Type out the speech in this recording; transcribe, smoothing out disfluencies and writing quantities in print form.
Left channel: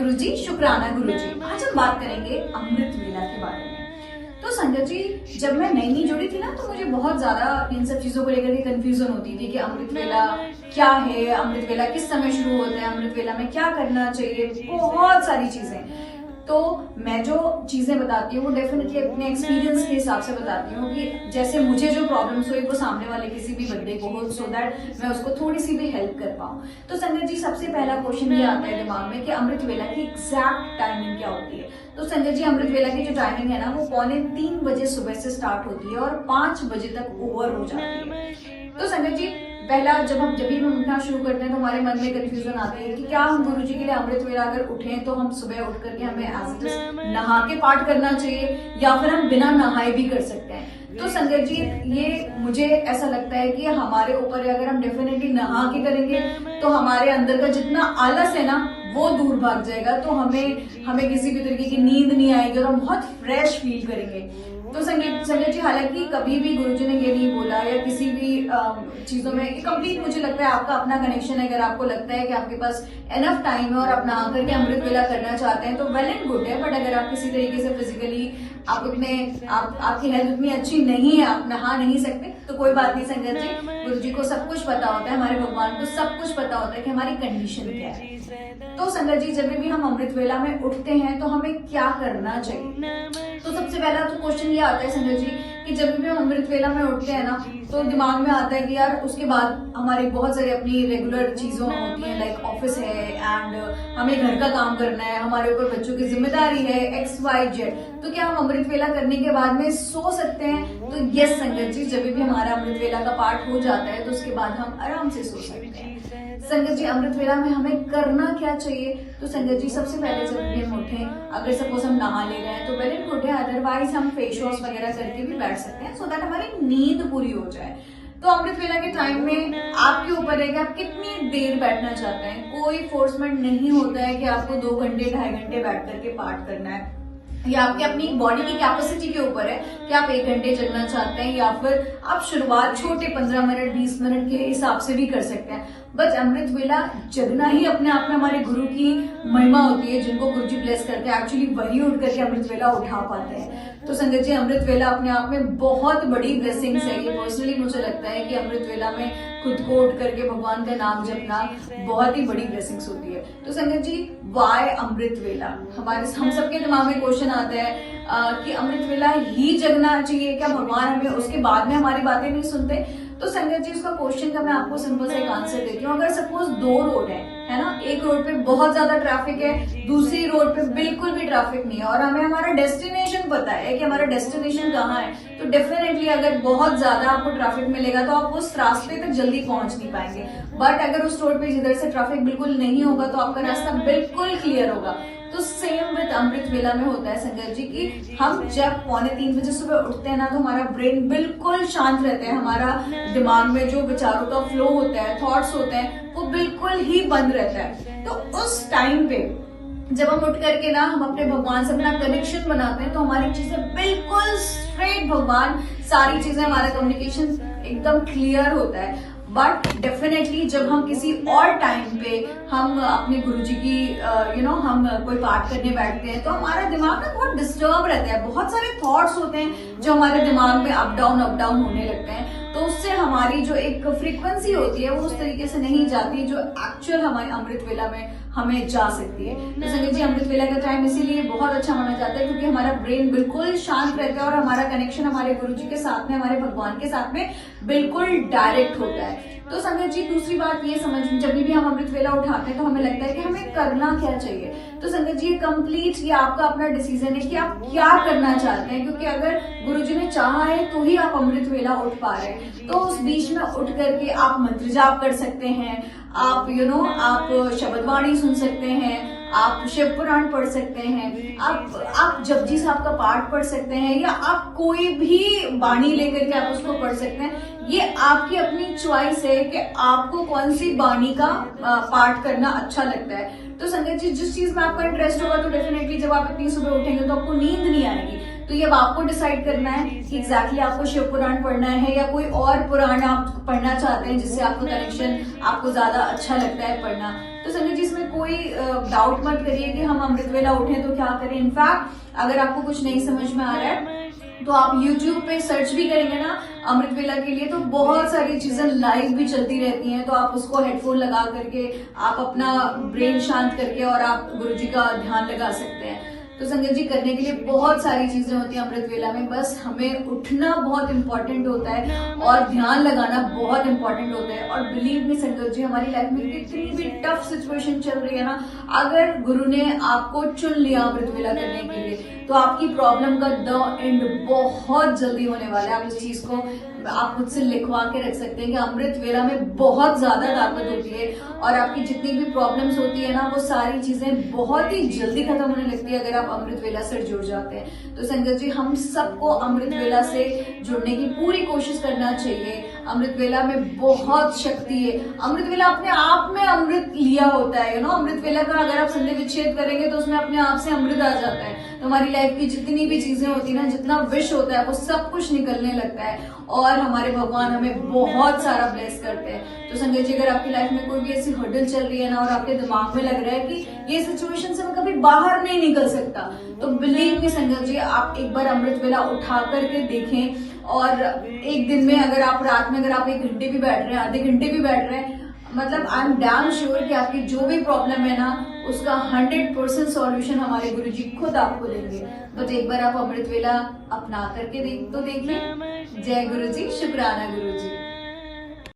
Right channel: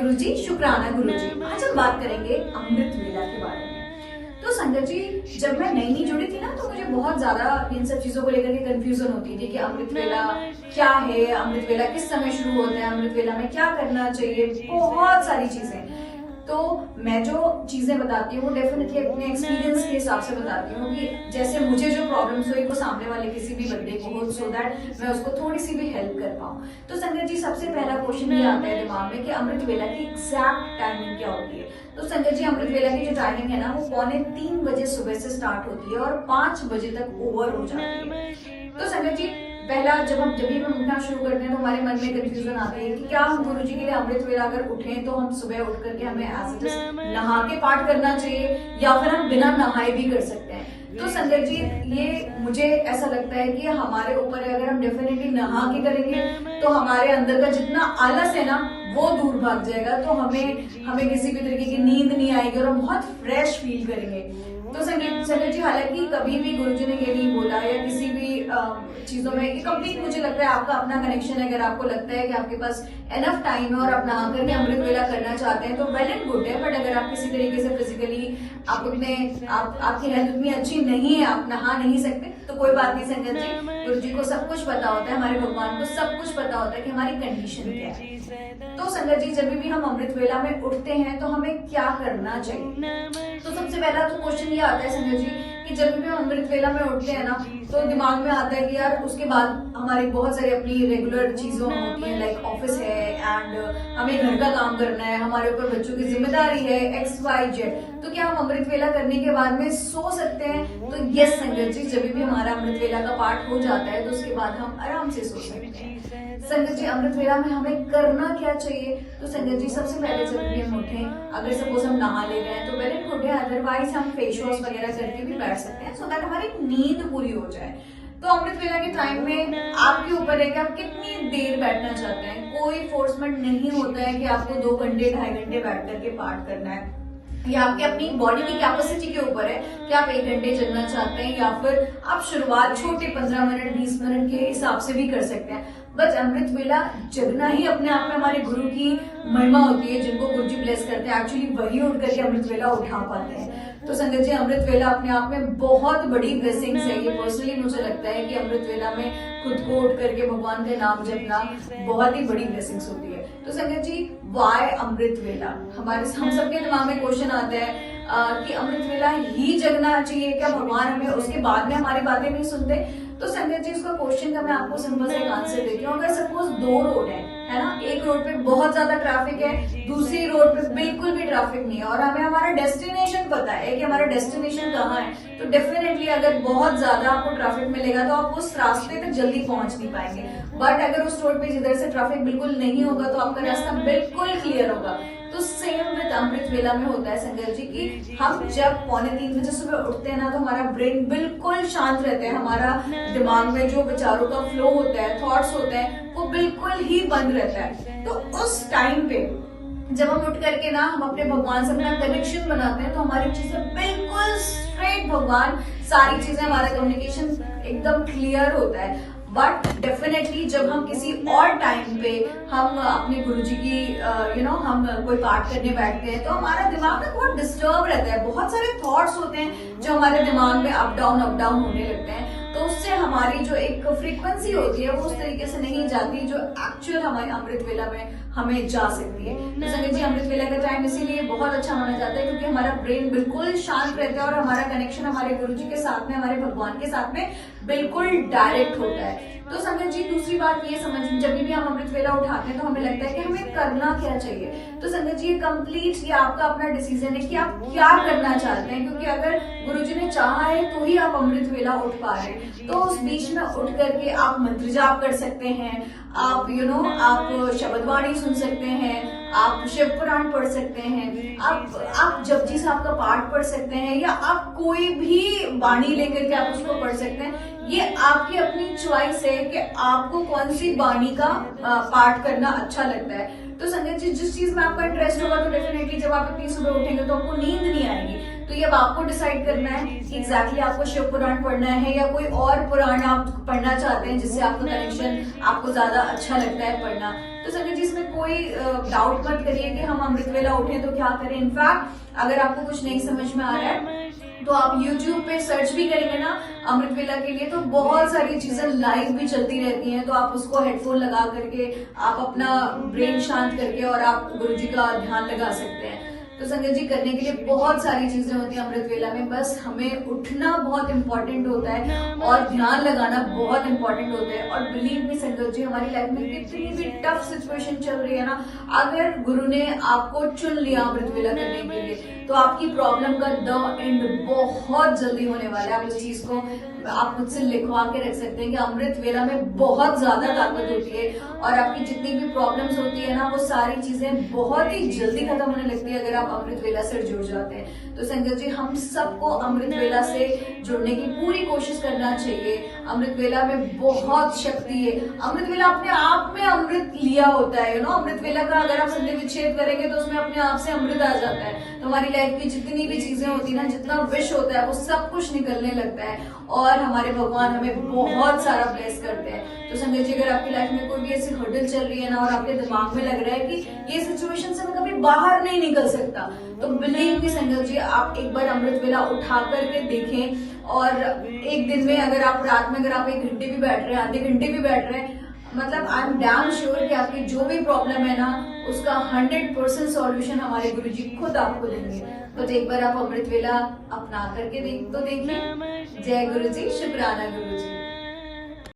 गुरुजी शुक्राना गुरुजी। आज हम बात करेंगे अमृत वेला के बारे में। तो संगत जी, जब मैं नई जुड़ी थी ना, तो मुझे बहुत ज्यादा इन सब चीजों को लेकर के कंफ्यूजन होती थी कि अमृत वेला क्या है, अमृत वेला किस समय शुरू होता है, अमृत वेला में क्या करना चाहिए, बहुत सारी चीजें। तो मैं जो चीजें बताती हूँ डेफिनेटली अपने एक्सपीरियंस के हिसाब से बताती हूँ कि जैसे मुझे जो प्रॉब्लम्स हुई वो सामने वाले किसी भी बंदे को हो, सो दैट मैं उसको थोड़ी सी भी हेल्प कर पाऊँ। तो संगत जी, सबसे पहला क्वेश्चन ये आता है दिमाग में कि अमृत वेला की एग्जैक्ट टाइमिंग क्या होती है। तो संगत जी, अमृत वेला की जो टाइमिंग है ना, वो 2:45 बजे सुबह से स्टार्ट होती है और 5 बजे तक ओवर हो जाती है। तो संगत जी, पहला जब हम उठना शुरू करते हैं तो हमारे मन में कंफ्यूजन आती है कि क्या हम गुरुजी के लिए अमृत वेला अगर उठें तो हम सुबह उठ करके हमें एज इट इज नहा के पाठ करना चाहिए या फिर हम बिना नहाए भी कर सकते हैं। तो संगत जी, ये मुझे ऐसा लगता है कि हमारे ऊपर है। अगर हम डेफिनेटली नहा के करेंगे तो हमारे अंदर का जितना आलस है ना, वो दूर भाग जाएगा। तो हमें किसी भी तरीके की नींद नहीं आएगी और हम बहुत फ्रेश फील करेंगे। तो संगत जी, हालांकि कभी भी गुरुजी ने ये नहीं बोला या किसी भी चीजों में कंप्लीट, मुझे लगता है आपका अपना कनेक्शन है। अगर आपको लगता है कि आपके पास एनफ टाइम है और आप नहा करके अमृत वेला करना चाहते हैं तो वेल एंड गुड है। बट अगर आप किसी तरीके से फिजिकली आपकी हेल्थ उतनी अच्छी नहीं है, आप नहा नहीं सकते, तो कोई बात नहीं संगत जी। गुरुजी को सब कुछ पता होता है, हमारे भगवान को सब कुछ पता होता है कि हमारी कंडीशन क्या है। तो संगत जी, जब भी हम अमृत वेला में उठते हैं तो हमें क्या करना चाहिए। तो सबसे पहला तो क्वेश्चन ये आता है संजय जी कि जब भी हम अमृत वेला में उठते हैं ना, तो दिमाग में आता है कि यार उसके बाद हमारी बहुत सारी अपनी रेगुलर चीजों होती है, लाइक ऑफिस है एंड हमें घर का काम करना है, हमारे ऊपर बच्चों की जिम्मेदारी है, XYZ। तो क्या हम अमृत वेला करने के बाद में सो सकते हैं? तो यस संगत जी, जब भी हमारा अमृत वेला का पाठ हो जाता है तो उसके बाद हम आराम से सो सकते हैं। संगत जी, अमृत वेला में हमें करना क्या चाहिए। तो संगत जी, सबसे पहले जब भी हम उठे, अगर सपोज हम नहा ले गए तो वेल एंड गुड है, अदरवाइज हम फेस वॉश वगैरह करके भी बैठ सकते हैं सो दैट हमारी नींद पूरी हो जाए। तो अमृत वेला के टाइम में आपके ऊपर है कि आप कितनी देर बैठना चाहते हैं। कोई फोर्समेंट नहीं होता है कि आपको 2 घंटे 2.5 घंटे बैठ करके पाठ करना है। ये आपके अपनी बॉडी की कैपेसिटी के ऊपर है कि आप 1 घंटे जगना चाहते हैं या फिर आप शुरुआत छोटे 15 मिनट 20 मिनट के हिसाब से भी कर सकते हैं। बस अमृत वेला जगना ही अपने आप में हमारे गुरु की महिमा होती है। जिनको गुरुजी ब्लेस करते हैं, एक्चुअली वही उठ करके अमृत वेला उठा पाते हैं। तो संगत जी, अमृत वेला अपने आप में बहुत बड़ी ब्लेसिंग्स है। ये पर्सनली मुझे लगता है कि अमृत वेला में खुद को उठ करके भगवान का नाम जपना बहुत ही बड़ी ब्लेसिंग्स होती है। तो संगत जी, वाई अमृत वेला? हम सबके दिमाग में क्वेश्चन आता है कि अमृत वेला ही जगना चाहिए क्या, भगवान हमें उसके बाद में हमारी बातें नहीं सुनते। तो संगत जी, इसका क्वेश्चन का मैं आपको सिंपल से एक आंसर देती हूँ। अगर सपोज 2 रोड है ना, एक रोड पे बहुत ज्यादा ट्रैफिक है, दूसरी रोड पे बिल्कुल भी ट्रैफिक नहीं है और हमें हमारा डेस्टिनेशन पता है कि हमारा डेस्टिनेशन कहाँ है, तो डेफिनेटली अगर बहुत ज्यादा आपको ट्रैफिक मिलेगा तो आप उस रास्ते तक जल्दी पहुंच नहीं पाएंगे। बट अगर उस रोड पे जिधर से ट्रैफिक बिल्कुल नहीं होगा तो आपका रास्ता बिल्कुल क्लियर होगा। तो सेम विद अमृत वेला में होता है संगत जी कि हम जब 2:45 बजे सुबह उठते हैं ना, तो हमारा ब्रेन बिल्कुल शांत रहता है। हमारा दिमाग में जो विचारों का फ्लो होता है, थॉट्स होते हैं, वो बिल्कुल ही बंद रहता है। तो उस टाइम पे जब हम उठ करके ना हम अपने भगवान से अपना कनेक्शन बनाते हैं तो हमारी चीजें बिल्कुल स्ट्रेट भगवान, सारी चीजें, हमारा कम्युनिकेशन एकदम क्लियर होता है। बट डेफिनेटली जब हम किसी और टाइम पे हम अपने गुरुजी की हम कोई पाठ करने बैठते हैं तो हमारा दिमाग ना बहुत डिस्टर्ब रहता है। बहुत सारे थॉट्स होते हैं जो हमारे दिमाग में अप डाउन होने लगते हैं। तो उससे हमारी जो एक फ्रीक्वेंसी होती है वो उस तरीके से नहीं जाती जो एक्चुअल हमारे अमृत वेला में हमें जा सकती है। तो संगत जी, अमृत वेला का टाइम इसीलिए बहुत अच्छा माना जाता है क्योंकि हमारा ब्रेन बिल्कुल शांत रहता है और हमारा कनेक्शन हमारे गुरुजी के साथ में, हमारे भगवान के साथ में बिल्कुल डायरेक्ट होता है। तो संगत जी, दूसरी बात ये समझ, जब भी हम अमृत वेला उठाते हैं तो हमें लगता है कि हमें करना क्या चाहिए। तो संगत जी, कंप्लीट ये आपका अपना डिसीजन है कि आप क्या करना चाहते हैं, क्योंकि अगर गुरुजी ने चाहा है तो ही आप अमृत वेला उठ पा रहे हैं। तो उस बीच में उठ करके आप मंत्र जाप कर सकते हैं, आप आप शब्दवाणी सुन सकते हैं, आप शिव पुराण पढ़ सकते हैं, आप जपजी साहब का पाठ पढ़ सकते हैं या आप कोई भी बाणी लेकर के आप उसको पढ़ सकते हैं। ये आपकी अपनी चॉइस है कि आपको कौन सी बाणी का पाठ करना अच्छा लगता है। तो संगत जी, जिस चीज में आपका इंटरेस्ट होगा तो डेफिनेटली जब आप इतनी सुबह उठेंगे तो आपको नींद नहीं आएगी। तो ये अब आपको डिसाइड करना है कि एग्जैक्टली आपको शिव पुराण पढ़ना है या कोई और पुराण आप पढ़ना चाहते हैं जिससे आपका कनेक्शन आपको ज्यादा अच्छा लगता है पढ़ना। तो संजय जी इसमें कोई डाउट मत करिए कि हम अमृत वेला उठें तो क्या करें। इनफैक्ट अगर आपको कुछ नहीं समझ में आ रहा है तो आप YouTube पे सर्च भी करेंगे ना अमृत वेला के लिए, तो बहुत सारी चीजें लाइव भी चलती रहती हैं। तो आप उसको हेडफोन लगा करके आप अपना ब्रेन शांत करके और आप गुरुजी का ध्यान लगा सकते हैं। तो संगत जी करने के लिए बहुत सारी चीजें होती हैं अमृत वेला में, बस हमें उठना बहुत इंपॉर्टेंट होता है और ध्यान लगाना बहुत इंपॉर्टेंट होता है। और बिलीव मी संगत जी, हमारी लाइफ में कितनी भी टफ सिचुएशन चल रही है ना, अगर गुरु ने आपको चुन लिया अमृत वेला करने के लिए तो आपकी प्रॉब्लम का द एंड बहुत जल्दी होने वाला है। आप इस चीज को आप मुझसे लिखवा के रख सकते हैं कि अमृत वेला में बहुत ज्यादा ताकत होती है और आपकी जितनी भी प्रॉब्लम्स होती है ना वो सारी चीजें बहुत ही जल्दी खत्म होने लगती है अगर आप अमृत वेला से जुड़ जाते हैं। तो संगत जी हम सबको अमृत वेला से जुड़ने की पूरी कोशिश करना चाहिए। अमृत वेला में बहुत शक्ति है। अमृत वेला अपने आप में अमृत लिया होता है, अमृत वेला का अगर आप संधि विच्छेद करेंगे तो उसमें अपने आप से अमृत आ जाता है। तो हमारी लाइफ की जितनी भी चीजें होती है ना, जितना विश होता है वो सब कुछ निकलने लगता है और हमारे भगवान हमें बहुत सारा ब्लेस करते हैं। तो संजय जी अगर आपकी लाइफ में कोई भी ऐसी हर्डल चल रही है ना और आपके दिमाग में लग रहा है कि ये सिचुएशन से मैं कभी बाहर नहीं निकल सकता, तो बिलीव मी संजय जी आप एक बार अमृत वेला उठा करके देखें। और एक दिन में अगर आप रात में अगर आप 1 घंटे भी बैठ रहे हैं, आधे घंटे भी बैठ रहे हैं, मतलब आई एम डैम श्योर कि आपकी जो भी प्रॉब्लम है ना उसका 100% सॉल्यूशन हमारे गुरुजी खुद आपको देंगे। बस एक बार आप अमृत वेला अपना करके देखिए। जय गुरुजी, शुक्राना गुरुजी।